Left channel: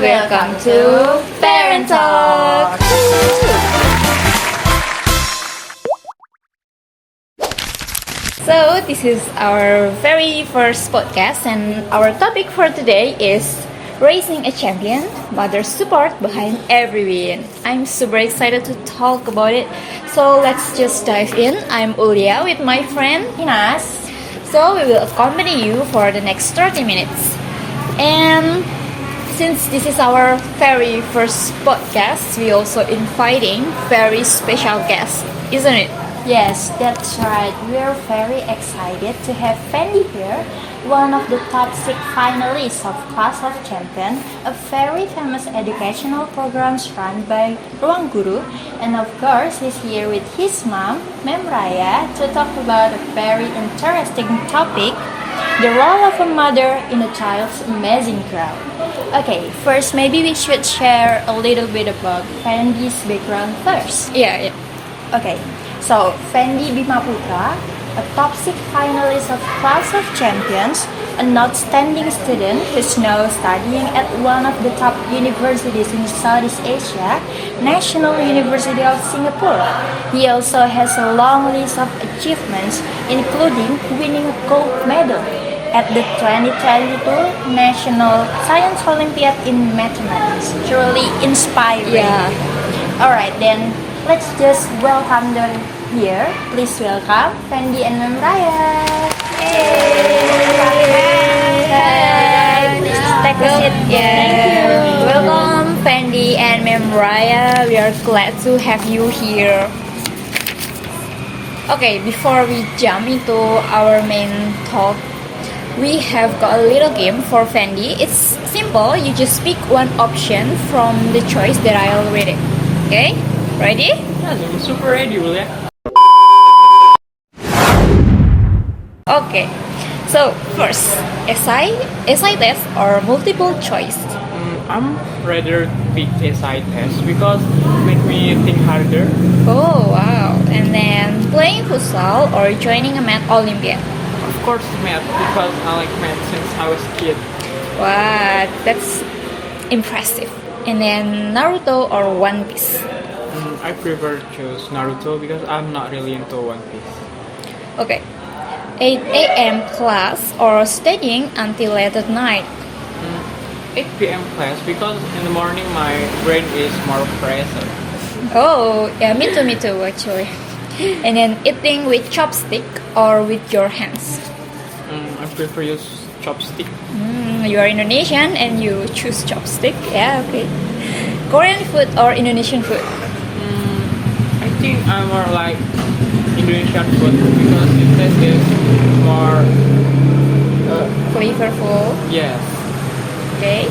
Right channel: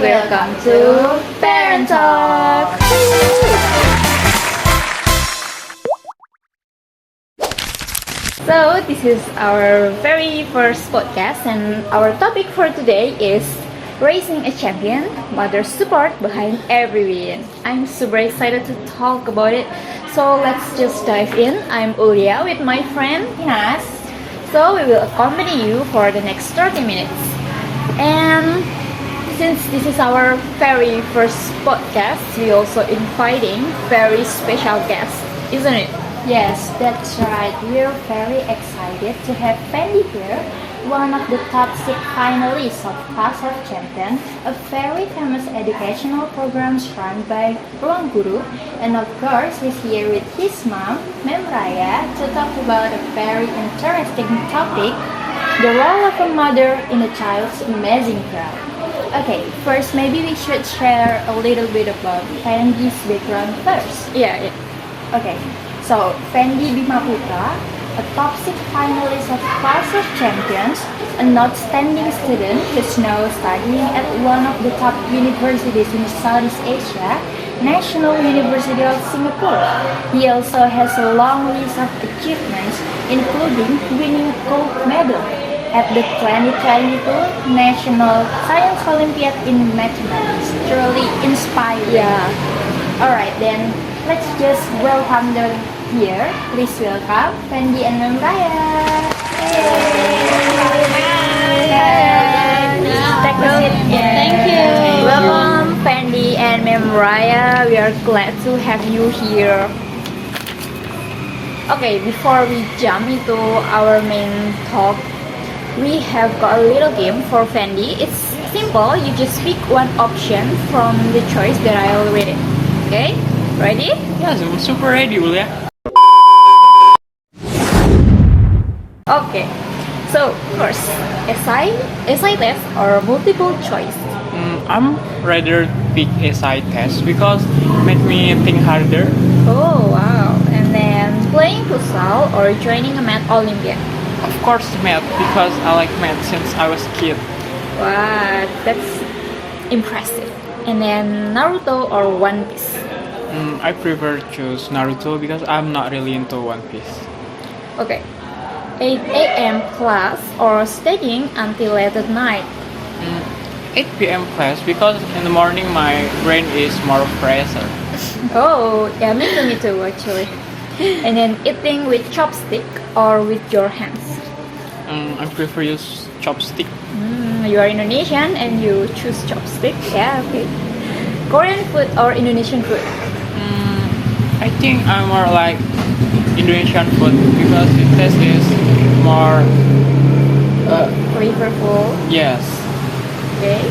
welcome to Parent Talk. So this is our very first podcast, and our topic for today is raising a champion, mother support behind every win. I'm super excited to talk about it. So let's just dive in. I'm Ulia with my friend Inas. So we will accompany you for the next 30 minutes. And since this is our very first podcast, we also inviting very special guests, isn't it? Yes, that's right. We're very excited to have Fendi here, one of the top 6 finalists of Class of Champions, a very famous educational program run by Ruang Guru, and of course he's here with his mom, Mem Raya, to talk about a very interesting topic, the role of a mother in a child's amazing growth. Okay, first maybe we should share a little bit about Fendi's background first. Yeah. Okay, so Fendi Bima Putra, a top 6 finalist of Class of Champions, an outstanding student who's now studying at one of the top universities in Southeast Asia, National University of Singapore. He also has a long list of achievements, including winning a gold medal at the 2022 National Science Olympiad in Mathematics. Truly inspiring. Yeah. Alright then, let's just welcome them here. Please welcome Fendi and Mem Raya. Take a seat. Thank you. Welcome, Fendi and Mem Raya. We are glad to have you here. Okay, before we jump into our main talk, we have got a little game for Fendi. It's simple. You just pick one option from the choice that I already. Okay, ready? Yes, I'm super ready, Julia. Okay. So first, SI test or multiple choice. I'm rather pick SI test because it make me think harder. Oh wow! And then playing futsal or joining a math Olympiad. Of course, math because I like math since I was a kid. Wow, that's impressive. And then Naruto or One Piece. I prefer choose Naruto because I'm not really into One Piece. Okay. 8 a.m. class or studying until late at night. 8 p.m. class because in the morning my brain is more present. Oh, yeah, me too actually. And then eating with chopstick or with your hands. I prefer use chopstick. You are Indonesian and you choose chopstick. Yeah, okay. Korean food or Indonesian food? I think I'm more like Indonesian food because the taste is more Flavorful. yes. Okay.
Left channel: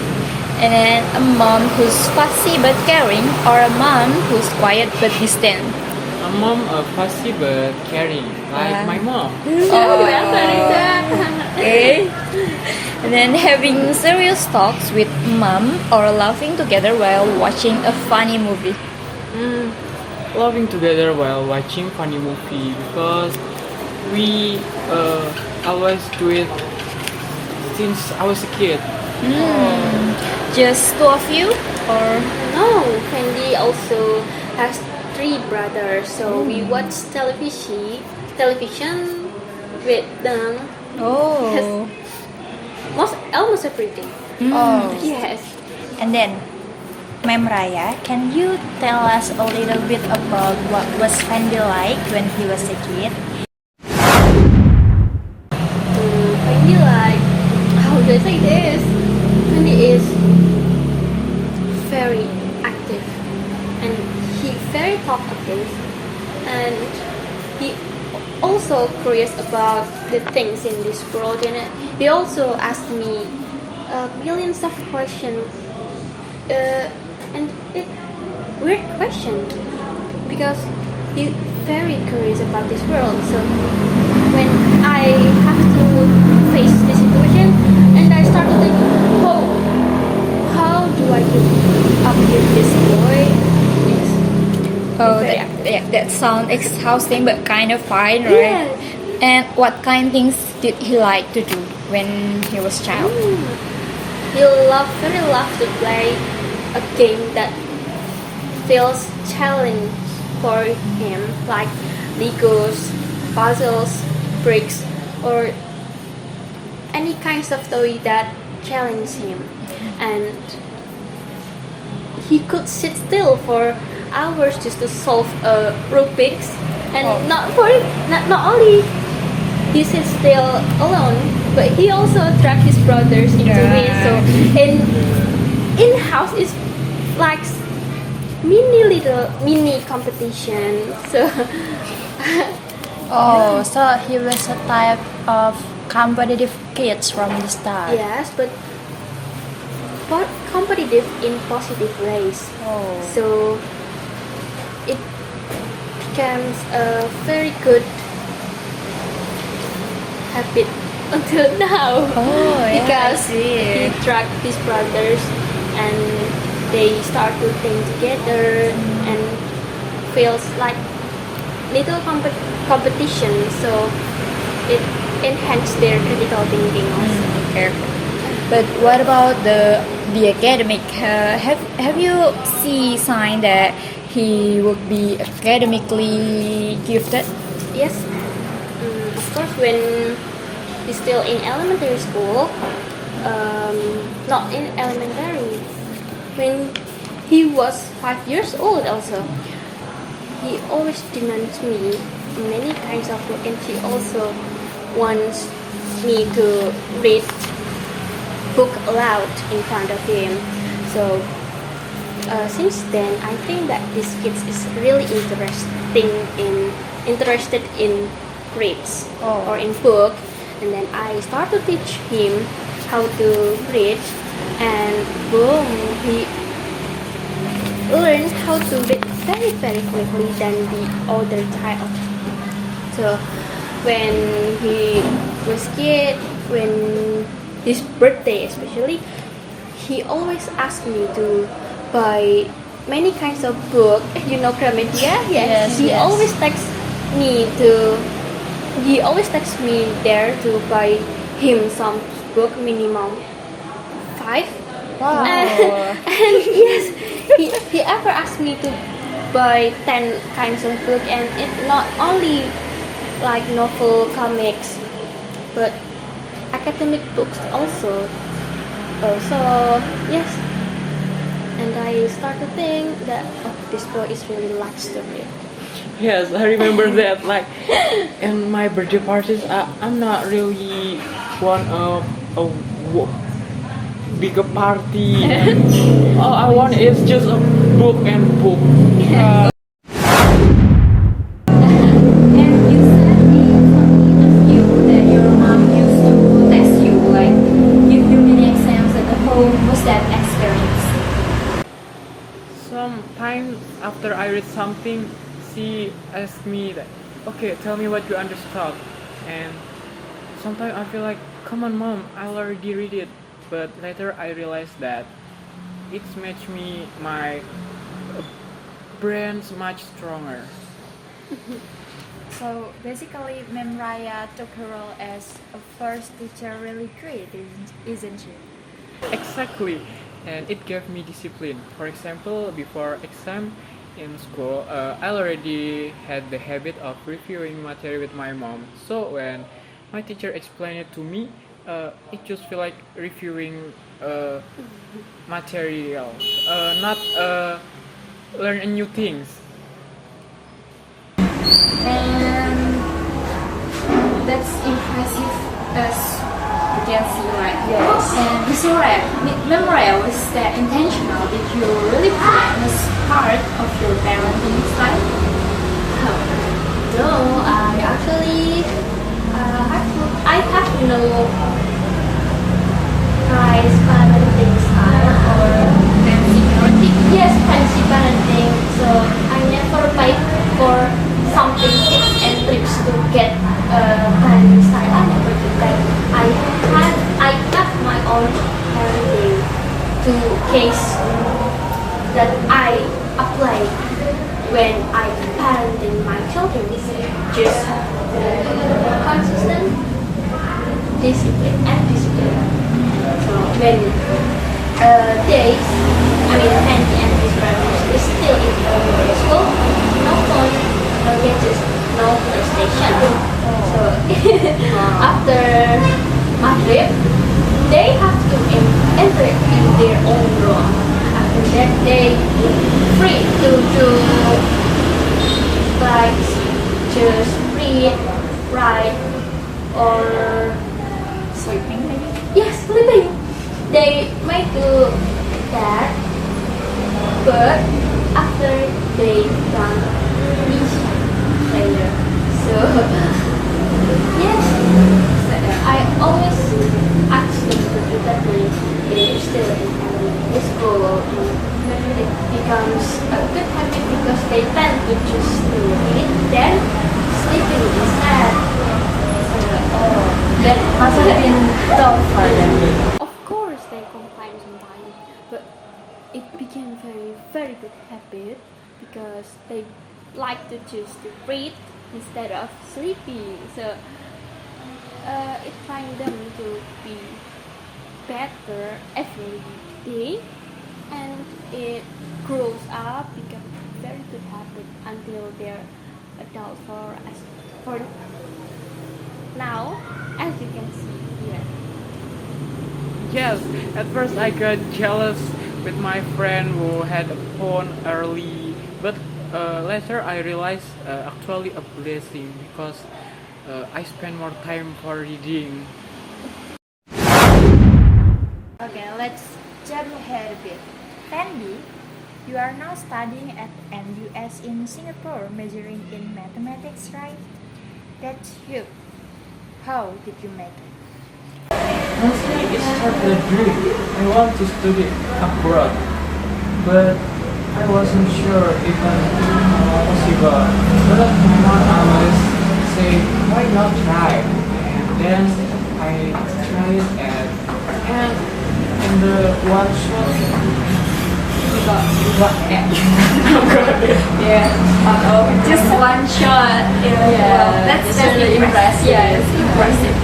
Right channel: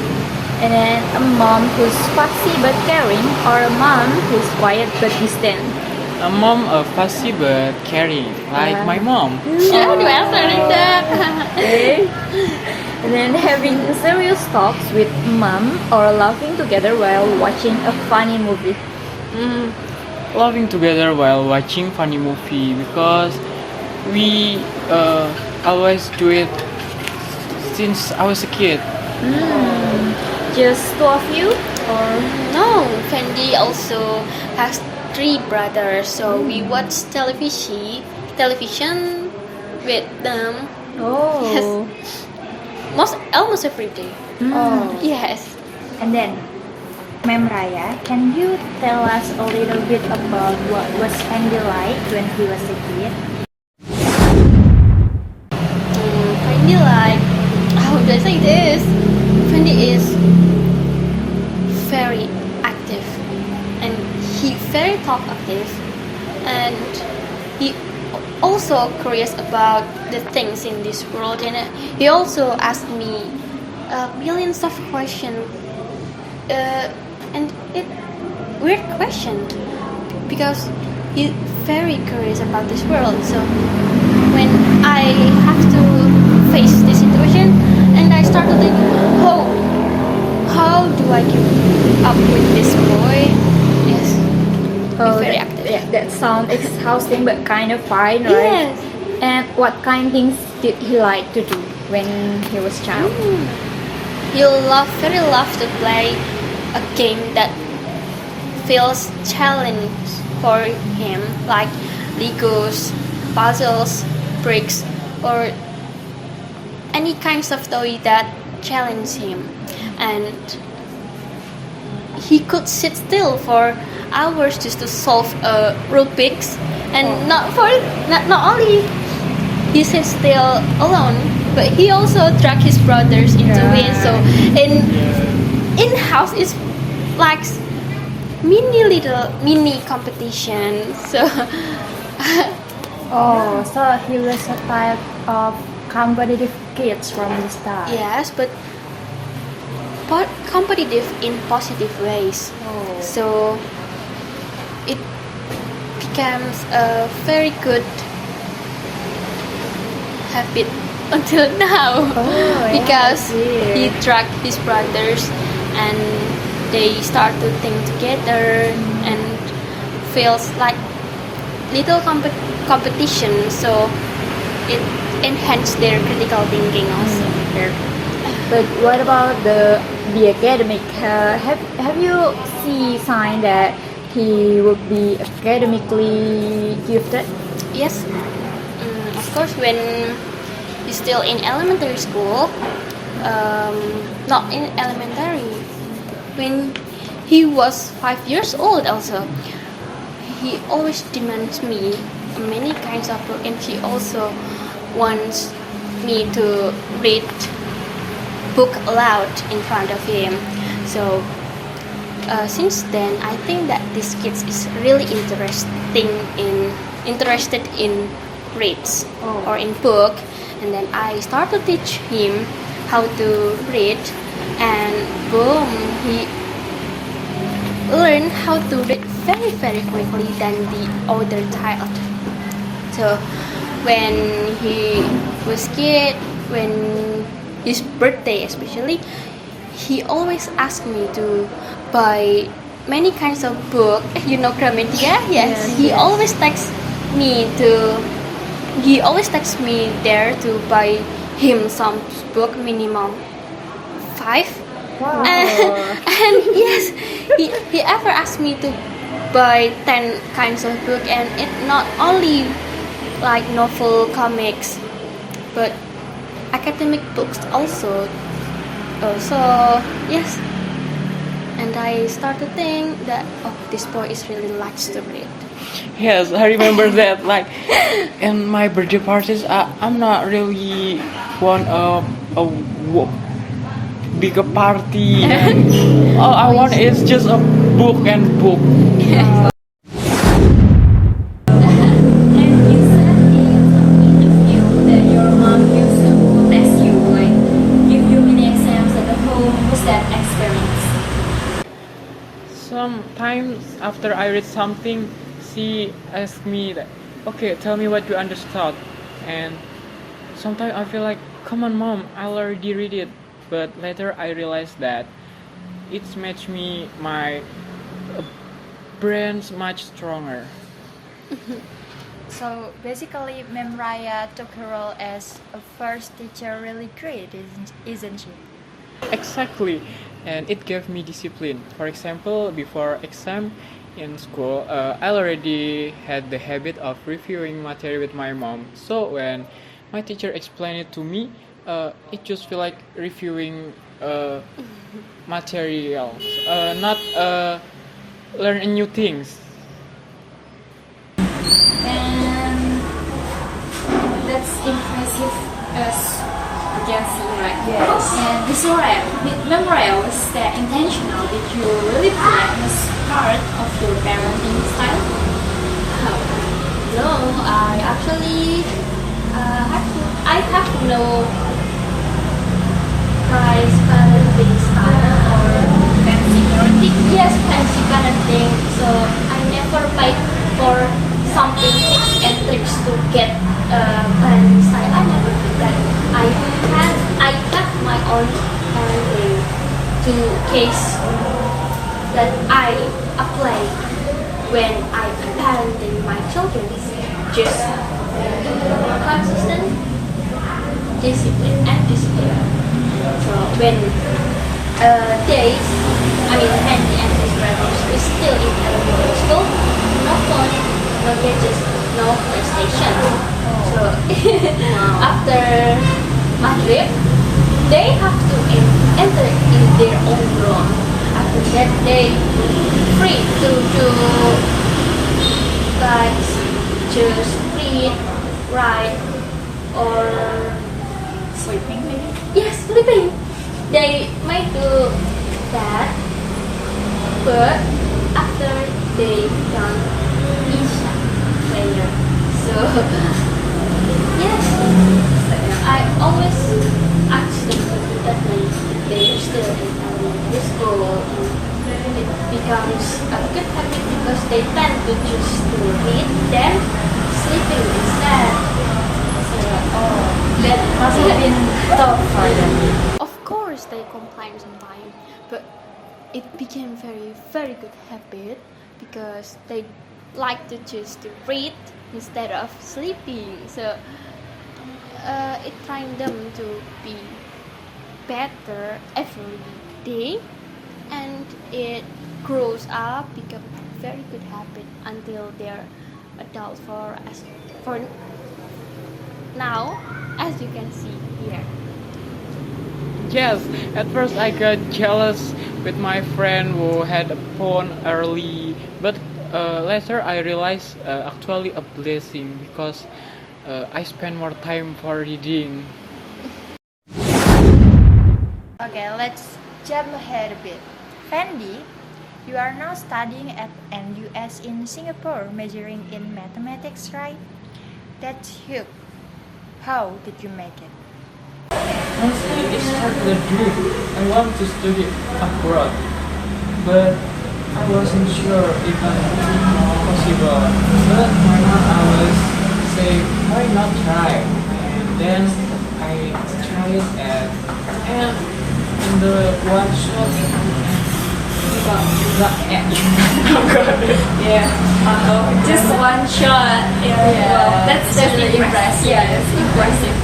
And then a mom who's fussy but caring or a mom who's quiet but distant. A mom of fussy but caring, like my mom. Okay. And then having serious talks with mom or laughing together while watching a funny movie. Laughing together while watching funny movie because we always do it since I was a kid. Just two of you or No, Fendi also has 3 brothers, so we watch television with them oh. almost every day. Oh, Yes. and then Mem Raya, can you tell us a little bit about what was Fendi like when he was a kid? Fendi like, how do I say this? Fendi is very active and he very talkative and he also curious about the things in this world, and he also asked me millions of questions and it weird question because he's very curious about this world. So when I have to face this situation and I start to think, how do I keep up with this boy? Yes. Oh, very that, active. yeah, that sounds exhausting but kind of fine, right? Yes. And what kind of things did he like to do when he was child? Very love to play a game that feels challenge for him, like Legos, puzzles, bricks, or any kinds of toy that challenge him. And he could sit still for hours just to solve Rubik's, and not only he sits still alone, but he also drag his brothers into it. So in house it's like mini competition. So Oh, so he was a type of competitive kids from the start. yes, but competitive in positive ways. Oh. So it becomes a very good habit until now. Oh, yeah, Because I see. he dragged his brothers and they start to think together and feels like little competition, so it enhanced their critical thinking also. Okay. But what about the academic? Have you see sign that he would be academically gifted? Yes, of course, when he's still in elementary school, not in elementary, when he was 5 years old also, he always demands me many kinds of book, and he also wants me to read book aloud in front of him. So since then, I think that this kid is really interested in grades or in book, and then I start to teach him how to read, and boom, he learned how to read very quickly than the older child. So when he was kid, when his birthday especially, he always asked me to buy many kinds of book. You know Gramedia? Yes, He yes. always texts me to. He always texts me there to buy him some book, minimum 5. Wow. And yes, he ever asked me to buy 10 kinds of book, and it not only like novel, comics, but academic books also. So yes, and I start to think that this boy is really likes to read. Yes, I remember that. Like in my birthday parties, I'm not really want a bigger party. And all I want is just a book and book. And you said in some interview that your mom used to test you, like give you mini exams at home. Was that experience? Sometimes after I read something, she asks me that, okay, tell me what you understood. And sometimes I feel like, come on, mom, I already read it. But later I realized that it's made me my brains much stronger. So basically, Mem Raya took her role as a first teacher really great, isn't she? Exactly, and it gave me discipline. For example, before exam in school, I already had the habit of reviewing material with my mom. So when my teacher explained it to me, it just feel like reviewing materials, not learning new things. And that's impressive as you can see, right? Yes. And Memorial, was that intentional? Did you really put it as part of your parenting style? No, I actually I have no price parenting style or Fancy parenting? yes fancy parenting. So I never fight for something tips and tricks to get parenting style. I never do that. I have my own parenting to case that I apply when I parenting my children. Just consistent, discipline, and discipline. when Andy and his brothers is still in elementary school, no phone, no gadgets, no PlayStation. So after Maghrib, they have to enter in their own room. After that, they free to like just read, write, or Sleeping maybe? yes, sleeping. They might do that, but after they done Isha prayer. So yes, I always ask them to do that when they're still in elementary school. It becomes a good habit because they tend to choose to read then sleeping instead. That must have been tough for them. Of course, they complain sometimes, but it became very good habit because they like to choose to read instead of sleeping. So it trained them to be better every day, and it grows up become very good habit until they're adult for now, as you can see here. Yes, at first I got jealous with my friend who had a phone early, but later I realized actually a blessing because I spend more time for reading. Okay, let's jump ahead a bit. Fendi, you are now studying at NUS in Singapore, majoring in mathematics, right? That's huge. How did you make it? Honestly, it's started a dream. I want to study abroad, but I wasn't sure if it possible. But my mom always say, why not try? And then I tried it, and in the one shot, Just one shot. That's really impressive. Yeah, it's impressive.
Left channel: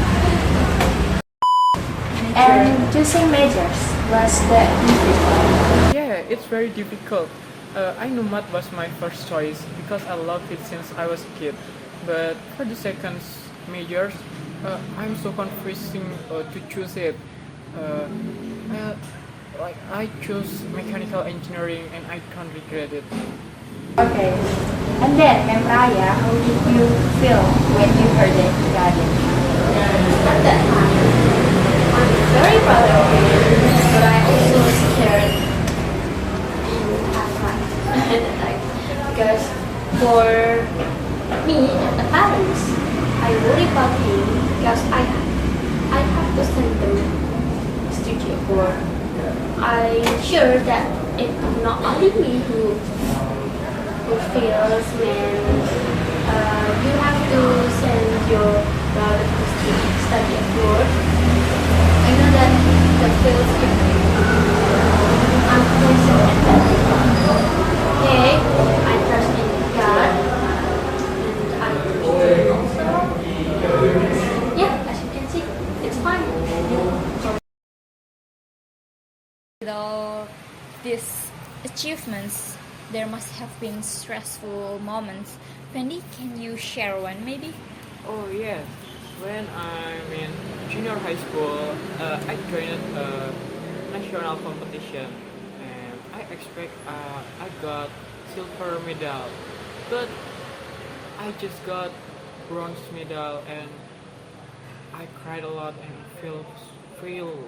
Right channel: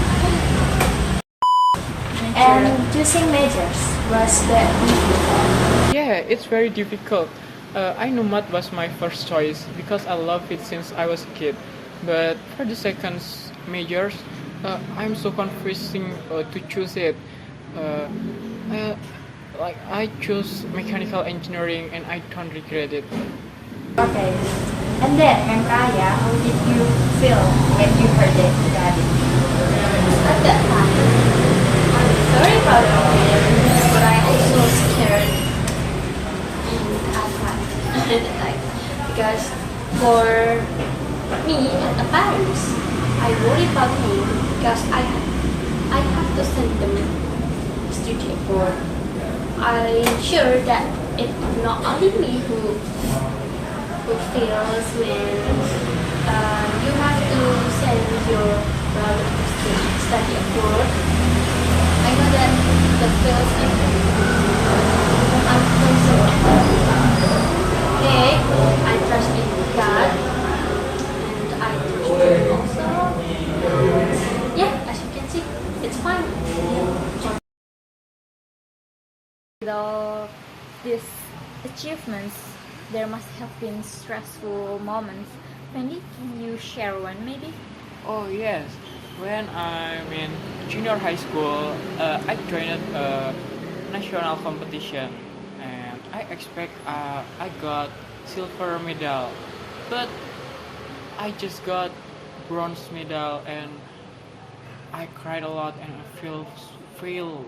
And choosing majors, was that difficult? Yeah, it's very difficult. I know math was my first choice because I love it since I was a kid. But for the second majors, I'm so confusing to choose it. I chose mechanical engineering and I don't regret it. Okay. And then, Mem Raya, how did you feel when you heard it about it? At that time, I'm very proud of it, but I also scared at time because for me and the parents, I worry about him because I have to send them a studio for. I'm sure that it's not only me who feels when you have to send your brother to study abroad. I know that the feels I'm concerned of that. Okay, I trust in God and I trust him also. Yeah, as you can see, it's fine. Yeah. With all these achievements, there must have been stressful moments. Fendi, can you share one maybe? Oh yes, when I'm in junior high school, I joined a national competition, and I expect I got silver medal, but I just got bronze medal, and I cried a lot, and it feels feel.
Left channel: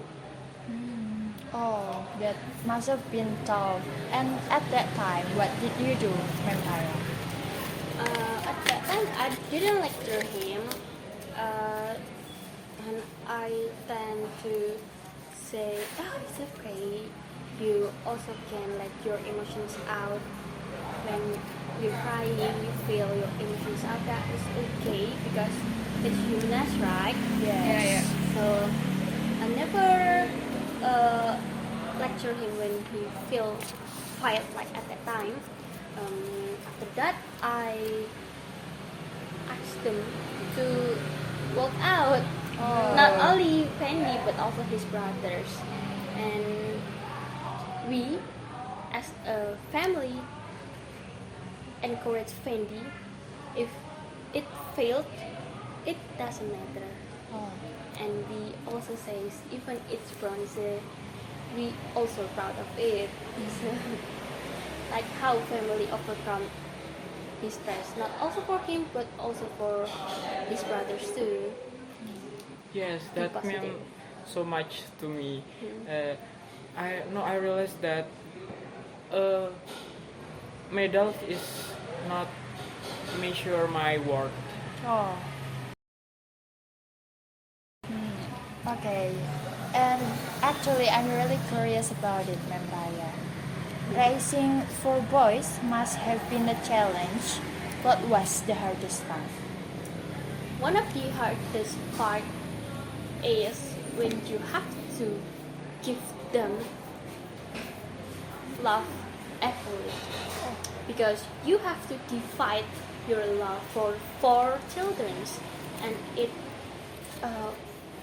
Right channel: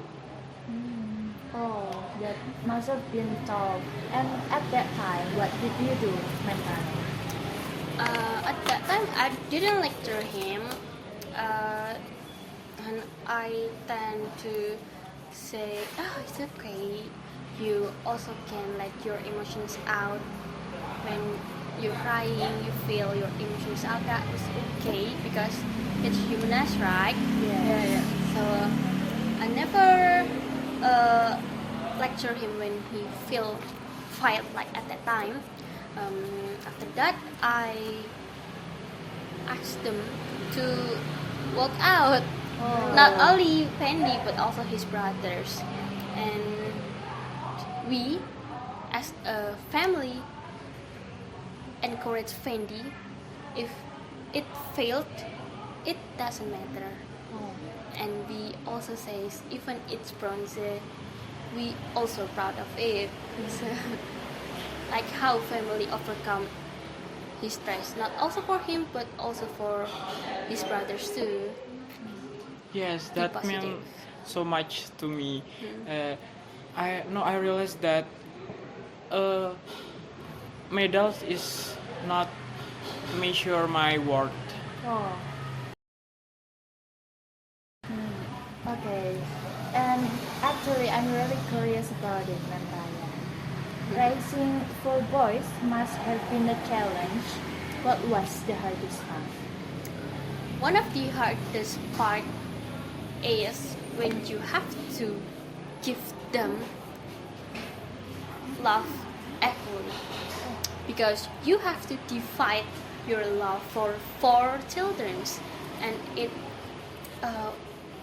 Oh, that must have been tough. And at that time, what did you do, Mentan? At that time, I didn't lecture him, and I tend to say, "Oh, it's okay. You also can let your emotions out when you're crying. You feel your emotions out. That is okay because it's humanized, right? Yeah. So I never lecture him when he feel quiet like at that time. After that, I asked them to walk out Not only Fendi but also his brothers. And we, as a family, encourage Fendi. If it failed, it doesn't matter. And we also say even it's bronze, we also proud of it. So, like how family overcome his stress, not also for him but also for his brothers too. Yes, Be that positive. meant so much to me. I realized that medals is not measure my worth. Oh. Okay, and actually, I'm really curious about it, Ma'am Raya. Racing for boys must have been a challenge. What was the hardest part? One of the hardest part is when you have to give them love equally, because you have to divide your love for 4 children, and it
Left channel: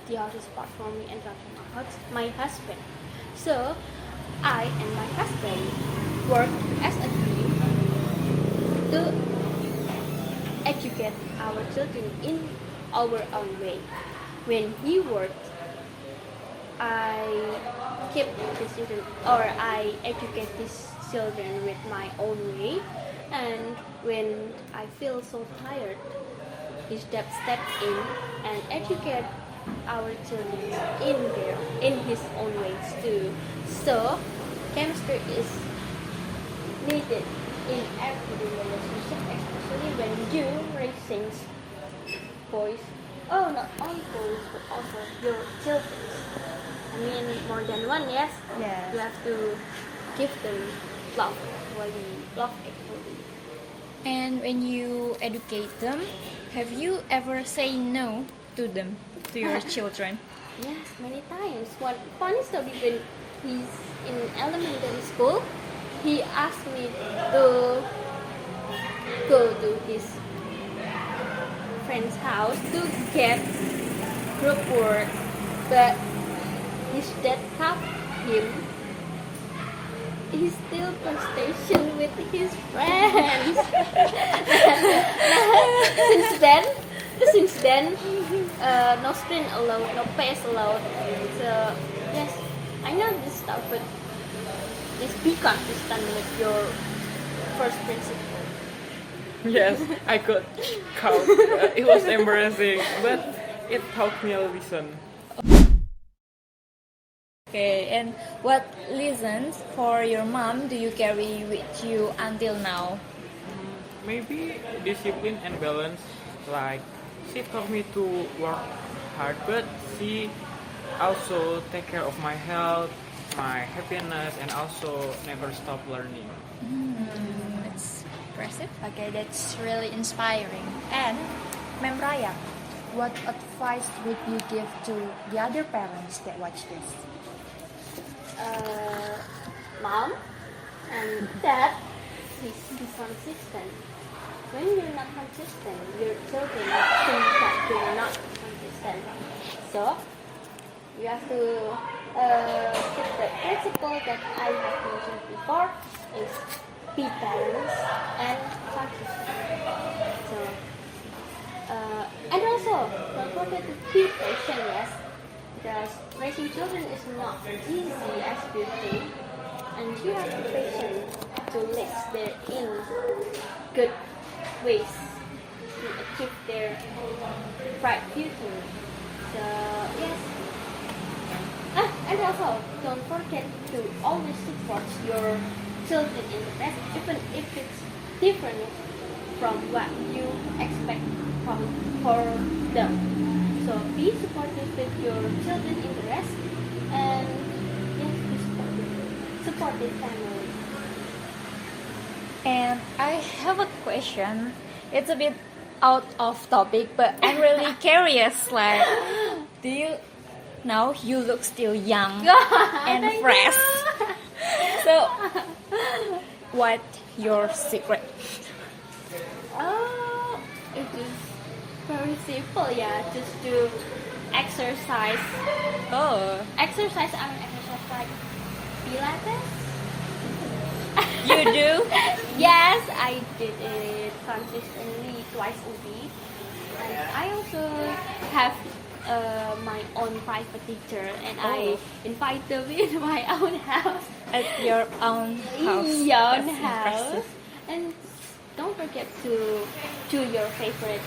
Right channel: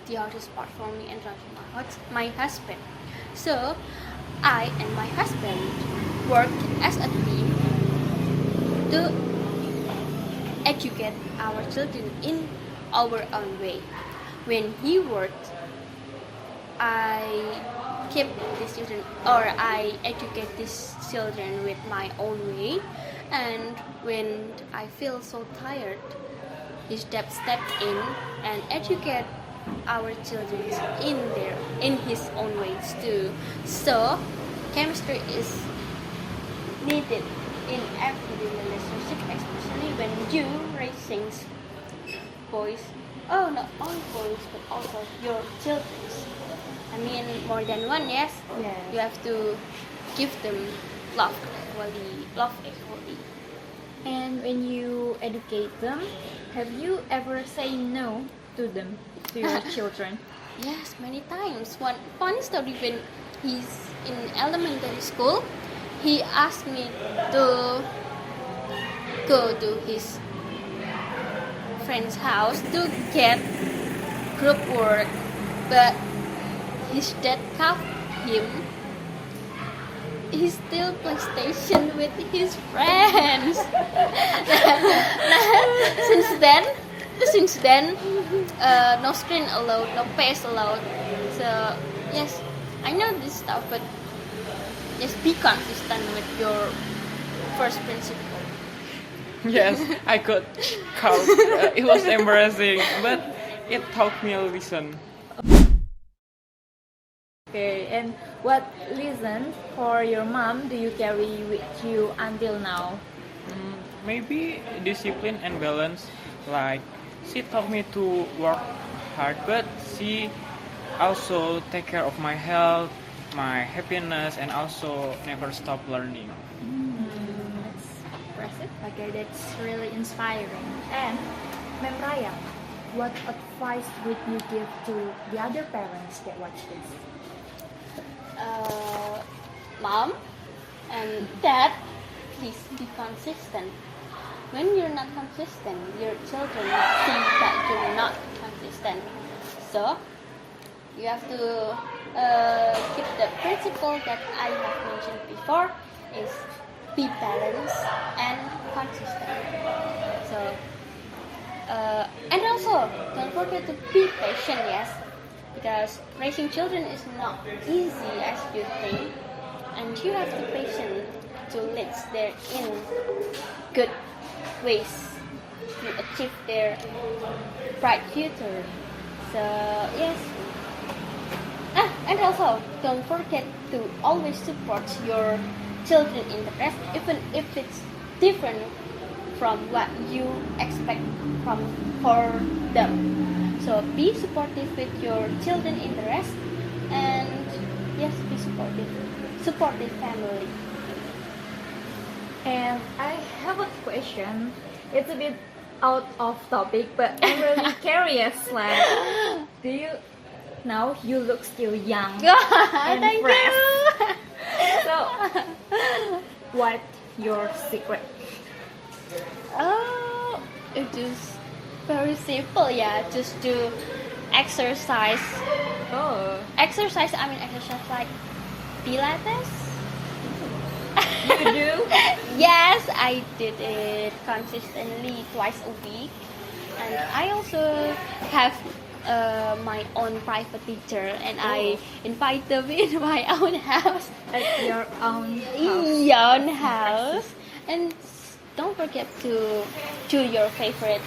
the hardest part for me and my husband. So I and my husband worked as a team to educate our children in our own way. When he worked, I keep these children or I educate these children with my own way. And when I feel so tired, his dad stepped in and educate our children in his own ways too. So chemistry is needed in every relationship, especially when you raising boys. Oh, not only boys but also your children. I mean more than one, yes. Yes. You have to give them love equally, love equally. And when you educate them, have you ever say no to them, to your children? Yes, many times. One funny story, when he's in elementary school, he asked me to go to his friend's house to get group work, but his dad caught him. He's still PlayStation with his friends. since then, no screen allowed, no PS allowed. So yes, I know this stuff, but just be consistent with your first principle. Yes, I could count. It was embarrassing, but it taught me a lesson. Okay, and what lessons for your mom do you carry with you until now? Maybe discipline and balance. Like she taught me to work hard, but she also take care of my health, my happiness, and also never stop learning. That's impressive. Okay, that's really inspiring. And Ma'am Raya, what advice would you give to the other parents that watch this? Mom and dad, please be consistent. When you're not consistent, your children think that you're not consistent. So you have to keep the principle that I have mentioned before, is be balanced and consistent. So and also don't forget to be patient, yes, because raising children is not easy as you think, and you have to be patient to lead them in good ways to achieve their bright future. So yes. And also don't forget to always support your children interest, even if it's different from what you expect from for them. So be supportive with your children interest, and yes, be supportive. Supportive family. And I have a question. It's a bit out of topic, but I'm really curious. Like, do you now you look still young and Thank fresh? you. So, what your secret? Oh, it is very simple, yeah. Just to exercise. Oh, Exercise like Pilates. you do? Yes, I did it consistently twice a week. And I also have my own private teacher, and I invite them in my own house. At your own house. Yeah, own That's house. impressive. And don't forget to choose your favorite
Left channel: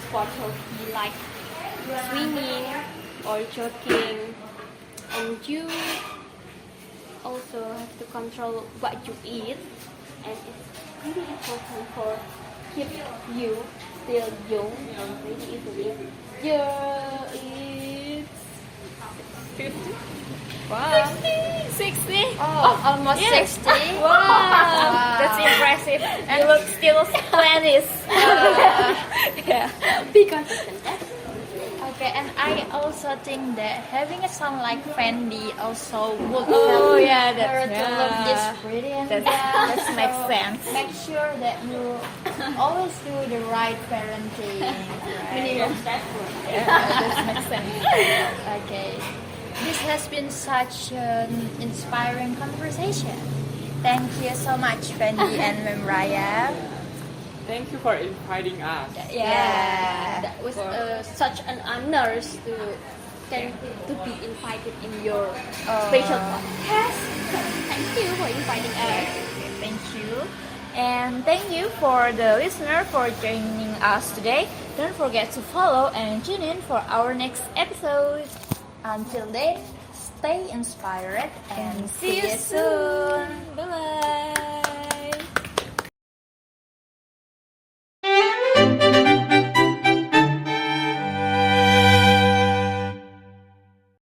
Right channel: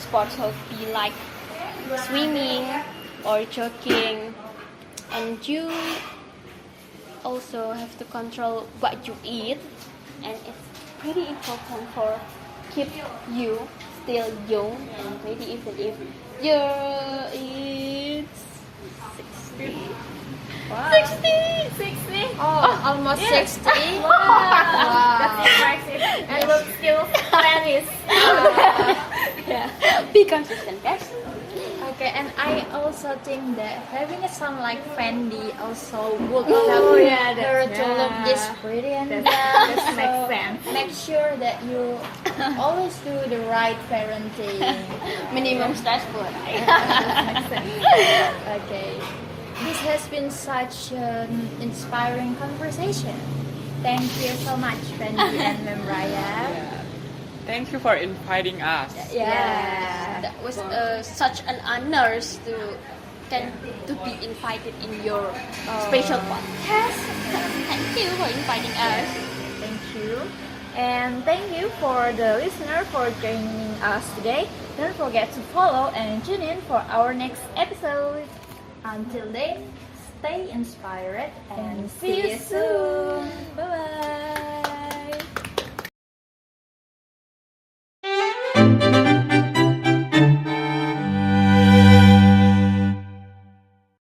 sports hobby like swimming or jogging. And you also have to control what you eat, and it's pretty important for keep you still young and pretty even if you eat 60. Wow. 60? Oh, almost Yes. 60. Wow. That's impressive. And look still splendid. Yeah. Be consistent, guys. Okay, and I also think that having a son like Fendi also would help yeah, her that's- to look yeah. this pretty and young. That makes So sense. make sure that you always do the right parenting. Minimum stressful. Okay. This has been such an inspiring conversation. Thank you so much, Fendi and Memraya. Thank you for inviting us. Yeah. That was such an honor to be invited in your special podcast. Thank you for inviting us. Thank you. And thank you for the listener for joining us today. Don't forget to follow and tune in for our next episode. Until then, stay inspired And see you soon. Bye bye.